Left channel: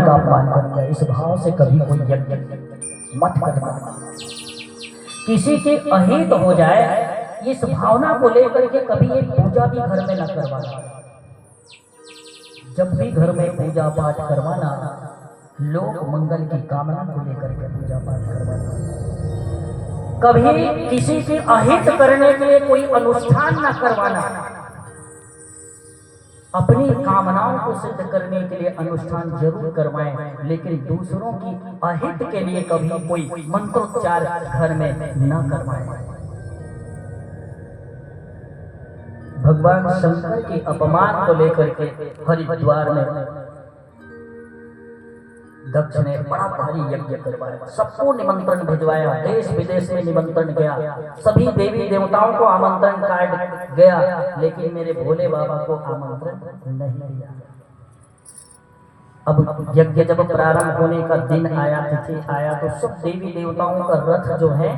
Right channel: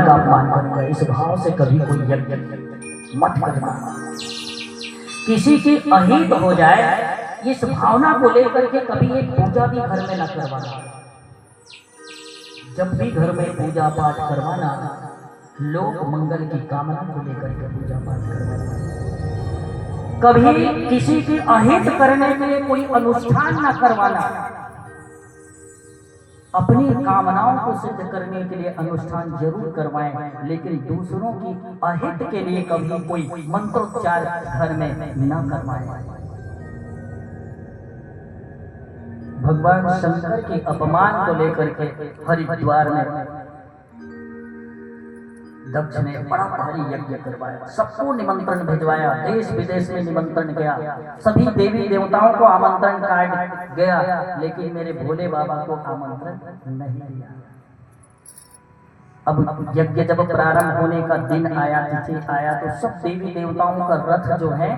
का अपमान करूंगा। इस भाव से कभी कोई यज्ञ मत करना। किसी के अहित हो जाए इस भावना को लेकर के कभी एक पूजा भी घर में न करवाना। जब भी घर में पूजा पाठ करवाना, लोक मंगल की कामना को लेकर के पूजा पाठ करवाना। कभी किसी के अहित करने के लिए कोई अनुष्ठान न करवाना। अपनी कामनाओं को सिद्ध करने के लिए अनुष्ठान जरूर करवाएं, लेकिन दूसरों की अहित के लिए कभी कोई मंत्रोच्चार घर में न करवाएं। भगवान शंकर के अपमान को लेकर के हरिद्वार में दक्ष ने बड़ा भारी यज्ञ करवाया। सबको निमंत्रण भिजवाया, देश विदेश में निमंत्रण गया, सभी देवी देवताओं को आमंत्रण कार्ड गया, लेकिन मेरे भोले बाबा को आमंत्रण नहीं दिया। अब यज्ञ जब प्रारंभ होने का दिन आया, तिथि आया, तो सब देवी देवताओं का रथ जो है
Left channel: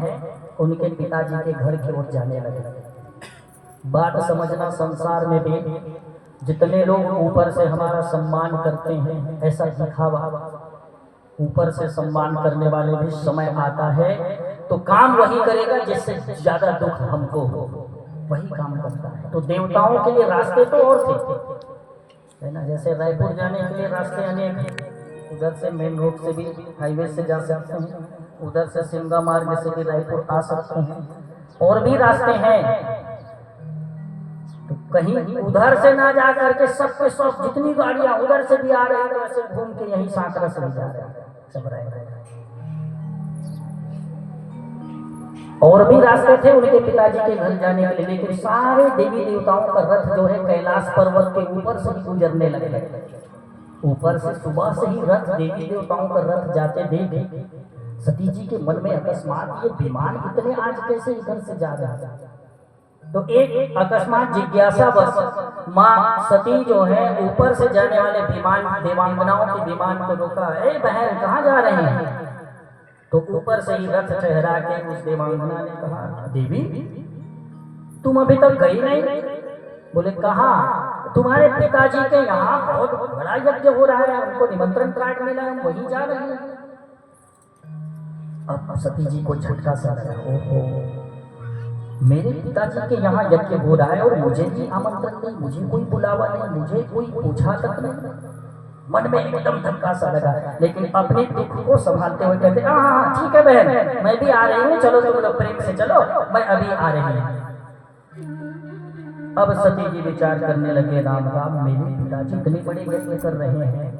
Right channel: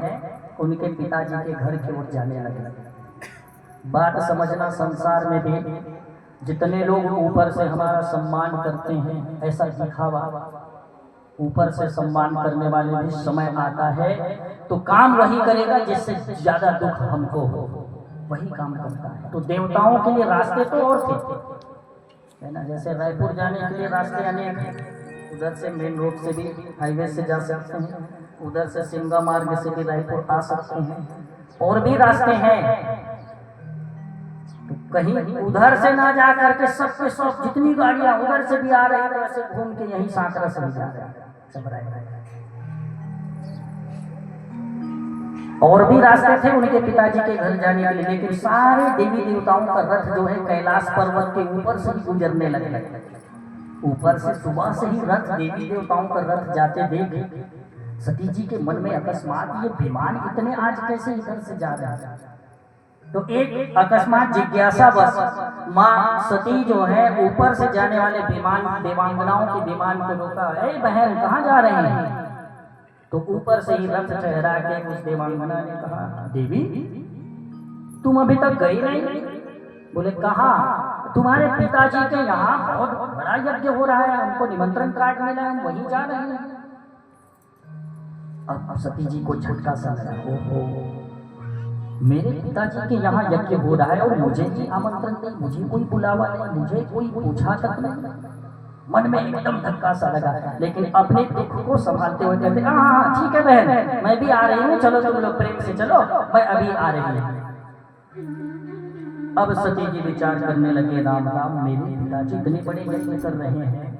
उनके पिताजी के घर की ओर जाने लगे। बात समझना, संसार में भी जितने लोग ऊपर से हमारा सम्मान करते हैं, ऐसा दिखावा, ऊपर से सम्मान करने वाले भी समय आता है तो काम वही करेगा जिससे ज्यादा दुख हमको हो, वही काम करता है। तो देवताओं के लिए रास्ते तो और थे, है ना। जैसे रायपुर जाने के लिए रास्ते अनेक हैं, उधर से मेन रोड से भी हाईवे से जा सकते हैं, उधर से सिमगा मार्ग से भी रायपुर आ सकते हैं, और भी रास्ते हैं। तो कहीं उधर से ना जा करके सबके सब जितनी गाड़ियां उधर से भी आ रही है, वैसे घूम के यही सांकरा से जा रहे हैं, सब रहे। और भी रास्ते थे उनके पिताजी के घर जाने के लिए, लेकिन सारे देवी देवताओं का रथ जो है कैलाश पर्वत के ऊपर से ही गुजरने लगे। ऊपर से सुबह से ही रथ, देवी देवताओं का रथ जाते देख सती जी के मन में अकस्मात, ये विमान इतने आज कैसे इधर से जा रहे हैं। तो एक अकस्मात जिज्ञासा बस माँ सती जो है ऊपर से जाने वाले विमान, देवांगनाओं के विमान को रोका। ए बहन, कहाँ जा रही हैं? तो ऊपर से ही रथ ठहरा के उस देवांगना ने कहा, देवी तुम अभी तक गई नहीं? बोले कहाँ? तुम्हारे पिताजी के यहाँ बहुत बड़ा यज्ञ हो रहा है, उनको निमंत्रण कार्ड मिला है, वहीं जा रहे हैं। अब सती जी को झटका सा लगा, ओहो, मेरे पिताजी के यहाँ यज्ञ हो रहा है और मुझे भी आमंत्रण नहीं, मुझे कोई बुलावा नहीं, मुझे कोई पूछा तक नहीं। मन में एकदम धक्का सा लगा, लेकिन अपने दुख को संभालते हुए कहते, हाँ ठीक है बहन, मैं भी आ रही हूँ, चलो तुम लोग प्रेम से चलो, मैं अभी आ रही हूँ। अब सती जी विचार करने लगे, राम राम, मेरे पिताजी इतने बड़े यज्ञ कर रहे हैं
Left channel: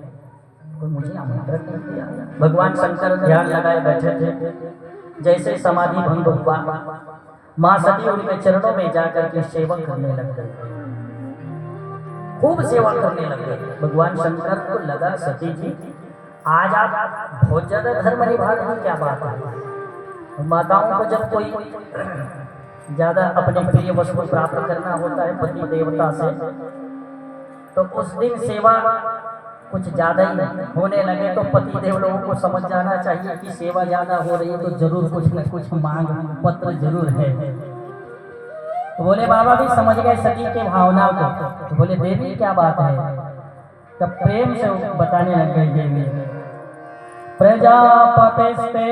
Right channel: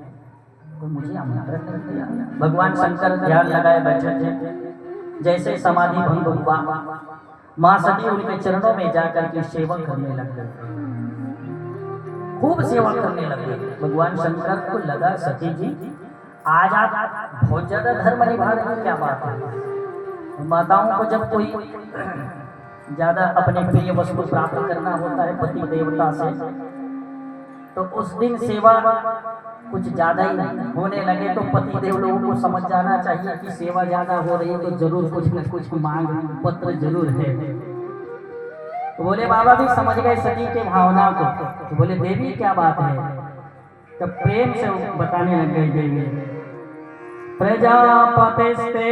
तो मुझे आमंत्रण नहीं दिया। भगवान शंकर ध्यान लगाए बैठे थे। जैसे समाधि भंग हुआ, माँ सती उनके चरणों में जाकर के सेवा करने लग गए, खूब सेवा करने लगे। भगवान शंकर को लगा, सती जी आज आप बहुत ज्यादा धर्म निभा रही, क्या बात है। माताओं को जब कोई ज्यादा अपने प्रिय वस्तु प्राप्त करना होता है पति देवता से, तो उस दिन सेवा कुछ ज्यादा ही होने लगे तो पति देव लोगों को समझ जाना चाहिए कि सेवा ज्यादा हो रही है तो जरूर कुछ न कुछ मांग पत्र जरूर है। तो बोले बाबा भी समझ गए सती के भावनाओं को, तो बोले देवी क्या बात है? तब प्रेम से बताने लग गई देवी, प्रजापतिस्ते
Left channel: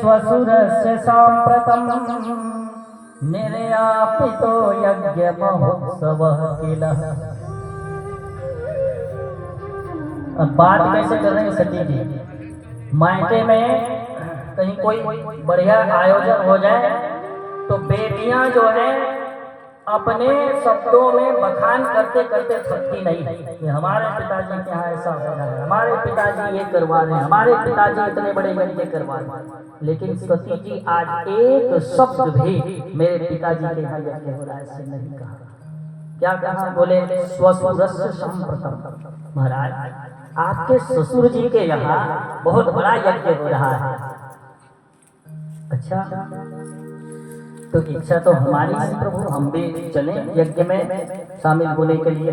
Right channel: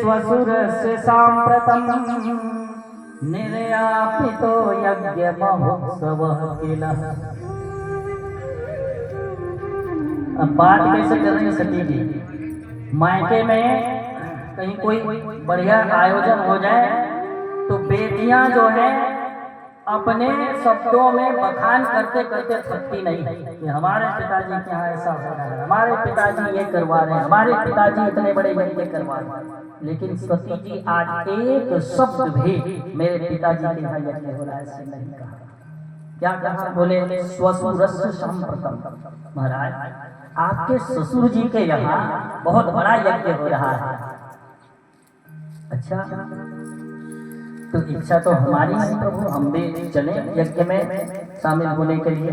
स्वसुरस्य सांप्रतम निर्यापितो यज्ञ महोत्सवः किल। अब बात कैसे कर रहे हैं सती जी? मायके में कहीं कोई बढ़िया आयोजन हो जाए तो बेटियां जो है अपने शब्दों में बखान करते करते थकती नहीं है कि हमारे पिताजी के यहाँ ऐसा हो रहा है, हमारे पिताजी ये करवा रहे हैं, हमारे पिताजी इतने बड़े यज्ञ करवा रहे हैं। लेकिन सती जी आज एक शब्द भी मेरे पिताजी के यहाँ यज्ञ हो रहा है ऐसे नहीं कहा। क्या कहा? बोले स्वसुरस्य संप्रतम, महाराज आपके ससुर जी के यहाँ बहुत बड़ा यज्ञ हो रहा है। अच्छा, तो इच्छा तो हमारी है प्रभु, हम भी चले यज्ञ में शामिल होने के लिए।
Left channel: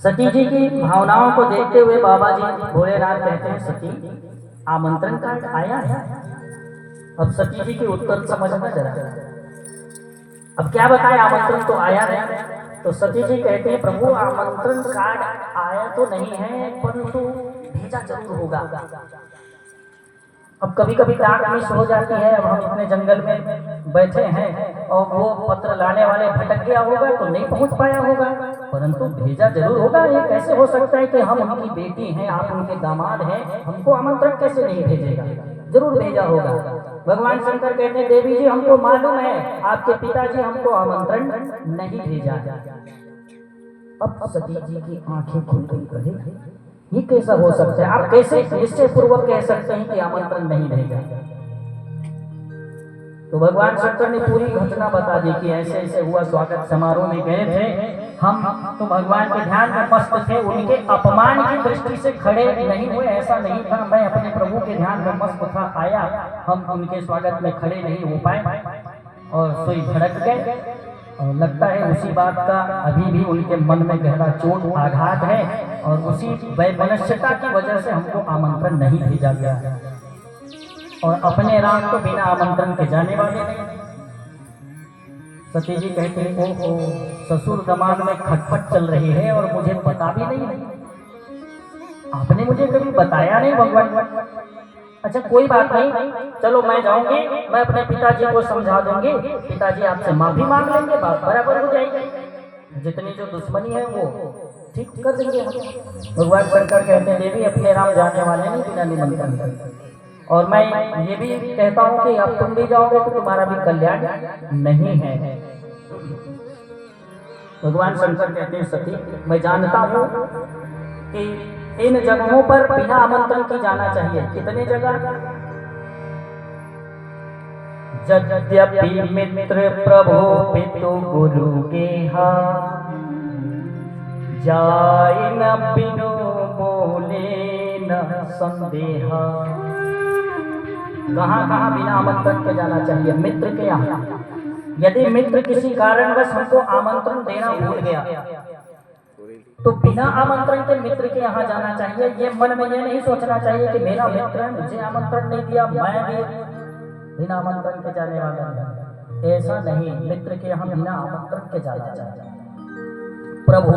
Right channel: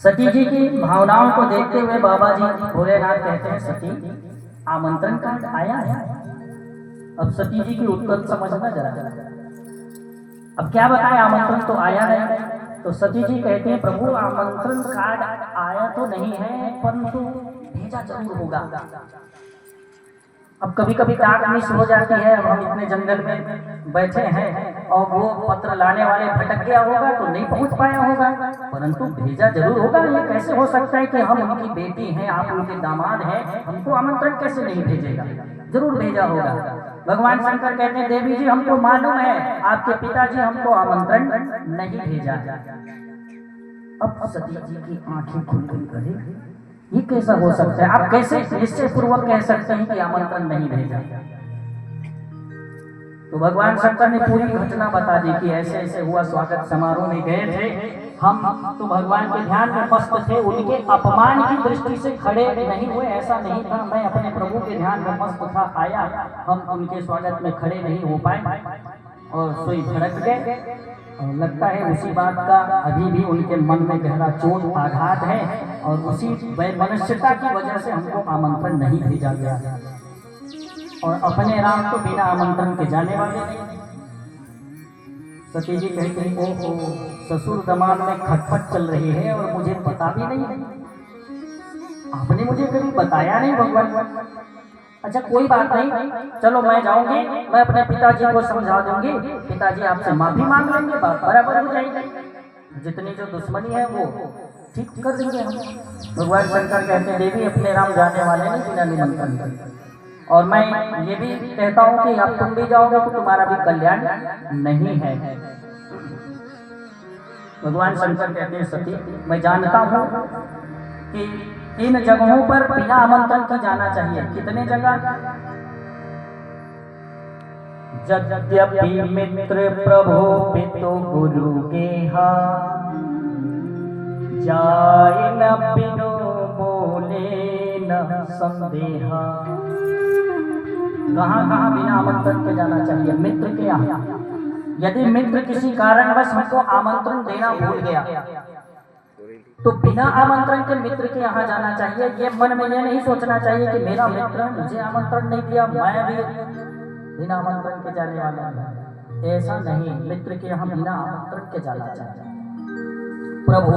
सती जी की भावनाओं को देखते हुए बाबा जी भोलेनाथ कहते हैं, सती आमंत्रण कार्ड आया है। अब सती जी की उत्तर समझना जरा, अब क्या बताए, आमंत्रण तो आया नहीं। तो सती जी कहते हैं, प्रभु आमंत्रण कार्ड आया तो नहीं है, परंतु भेजा जरूर होगा। अब कभी कभी डाक मिस हो जाती है, अब हम इतने जंगल में बैठे हैं और वो पत्र लाने वाले भटक गया होगा तो नहीं पहुंच पाया होगा, परंतु भेजा जरूर होगा। ये कैसे हो सकता है कि हम उनकी बेटी हैं, आप उनके दामाद हैं, हमको आमंत्रण कैसे नहीं भेजेगा? जरूर भेजा होगा। भगवान शंकर कहते हैं देवी जी हमको मालूम है आपके पिताजी हमको आमंत्रण नहीं भेजा। अब सती जी की आंखें खुल गई, कहे ये कैसा हो सकता है? आप कैसे निश्चय पूर्वक कह सकते हैं कि आमंत्रण नहीं भेजा? तो भगवान शंकर ने पूरी घटना बता दी कि ऐसे ऐसे हुआ, स्वागत समारोह में गए थे हम, तो भगवान के ध्यान में मस्त थे, उनके अपमान की दृष्टि से खड़े नहीं हुए, ऐसा नहीं था। मैं अपने प्रभु के ध्यान में मस्त था, आया, हम उनके स्वागत में खड़े नहीं हो पाए और सोई भड़क गए। और लगता है उसी बात का अभी भी उनके मन में गहरा चोट आघात है और उसी वैमनस्यता की वजह से हमको आमंत्रण नहीं भेजा गया। और अपने राम को बिना आमंत्रण के जाने वाले नहीं। सती जी कहते हैं ओ ससुर दिमाग में खटपट चल रही है और मुझे पता भी नहीं है, आपने मुझे कभी बताया नहीं भगवान। अच्छा कोई बात नहीं, चलो मैं जाऊंगी, मैं अपने पिताजी को समझा दूंगी, पिताजी आपसे माफी मांग लेंगे, बात बराबर हो जाएगी, जितनी जो दुश्मनी है वो ठीक कर देंगे हम। भगवान शंकर कहते हैं देवी अपने राम जाने वाले नहीं बिना निमंत्रण के। और मैं ये भी कहता हूँ कि अब तुम भी जाओगे तो तुम्हारा भी कल्याण नहीं है। भगवान शंकर कहते हैं सती मैं जानता हूँ कि इन जगहों पर बिना आमंत्रण के जाना चाहिए। कितने जगह? यद्यपि मित्र प्रभु पितु गुरु के जाय न बिनु बोले न संदेहा। कहाँ कहाँ बिना आमंत्रण के जाना चाहिए? मित्र के यहाँ। यदि मित्र किसी कारणवश हमको आमंत्रण देना भूल गया तो बिना आमंत्रण के मित्र के यहाँ जाना चाहिए। ये मन में ये नहीं सोचना चाहिए कि मेरा मित्र है, मुझे आमंत्रण नहीं दिया, मैं भी बिना आमंत्रण के जाने वाला हूँ। ऐसा नहीं, मित्र के यहाँ बिना आमंत्रण के जाना चाहिए। प्रभु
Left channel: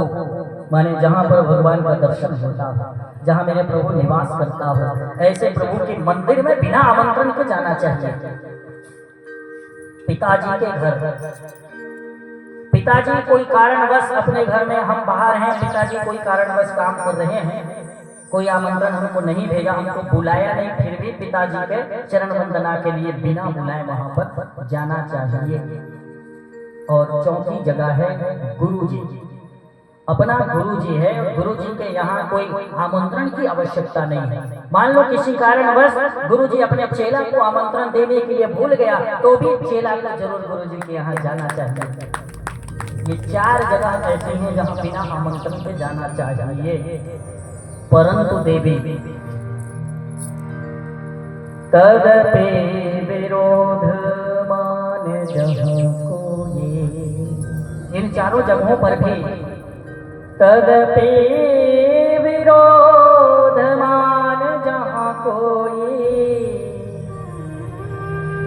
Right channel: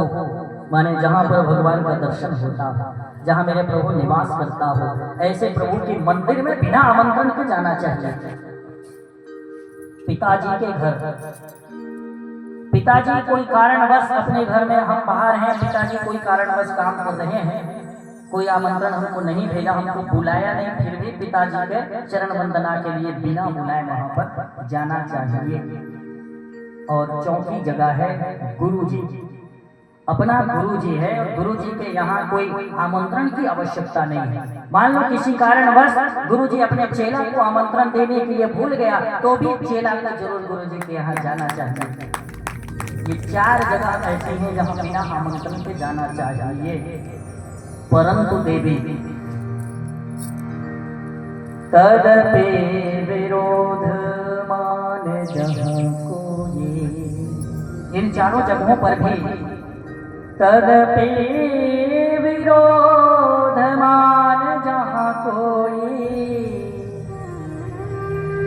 माने जहाँ पर भगवान का दर्शन होता हो, जहाँ मेरे प्रभु निवास करता हो, ऐसे प्रभु के मंदिर में बिना आमंत्रण के जाना चाहिए। पिताजी के घर, पिताजी कोई कारणवश अपने घर में, हम बाहर हैं, पिताजी कोई कारणवश काम कर रहे हैं, कोई आमंत्रण हमको नहीं भेजा, हमको बुलाया नहीं, फिर भी पिताजी के चरण वंदना के लिए बिना बुलाए वहां पर जाना चाहिए। और चौथी जगह है गुरु जी। अपना गुरु जी है, गुरु जी के यहाँ कोई आमंत्रण की आवश्यकता नहीं है। मान लो किसी कारणवश गुरु जी अपने चेला को आमंत्रण देने के लिए भूल गया तो भी चेला को जरूर गुरु जी के यहाँ जाना चाहिए। ये 4 जगह ऐसी हैं जहाँ बिना आमंत्रण के जाना चाहिए। परंतु देवी तदपे विरोध मान जहाँ को ये, इन 4 जगहों पर भी तदपे विरोध मान जहाँ कोई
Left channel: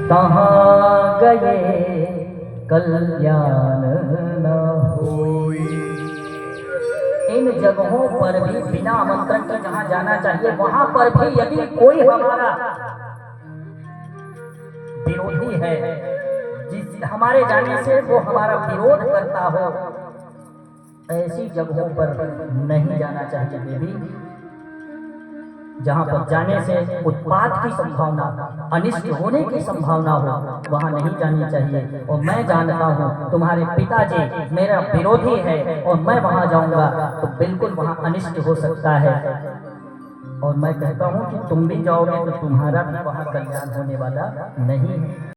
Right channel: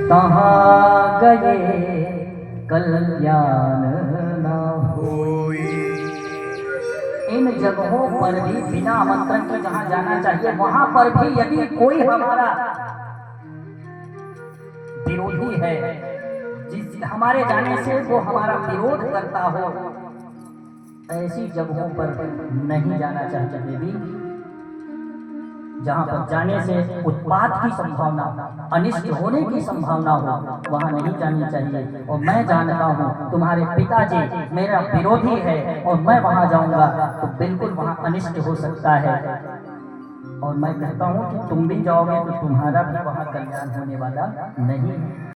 तहाँ गए कल्याण न होई। इन जगहों पर भी बिना आमंत्रण के जहाँ जाना चाहिए वहां पर भी यदि कोई हमारा विरोधी है, जिस हमारे जाने से वो हमारा विरोध करता हो, ऐसी जगहों पर नहीं जाना चाहिए देवी। जहाँ पर जाने से उत्पात की संभावना, अनिष्ट होने की संभावना हो, वहाँ नहीं जानी चाहिए। और मैं जानता हूँ तुम्हारे पिताजी मेरा विरोधी है और मैं वहाँ जाऊँगा तो बिल्कुल वहाँ अनिष्ट हो सकता है। और मैं कहता हूँ कि तुम भी जाओगे तो तुम्हारा भी वहाँ कल्याण होने वाला नहीं है।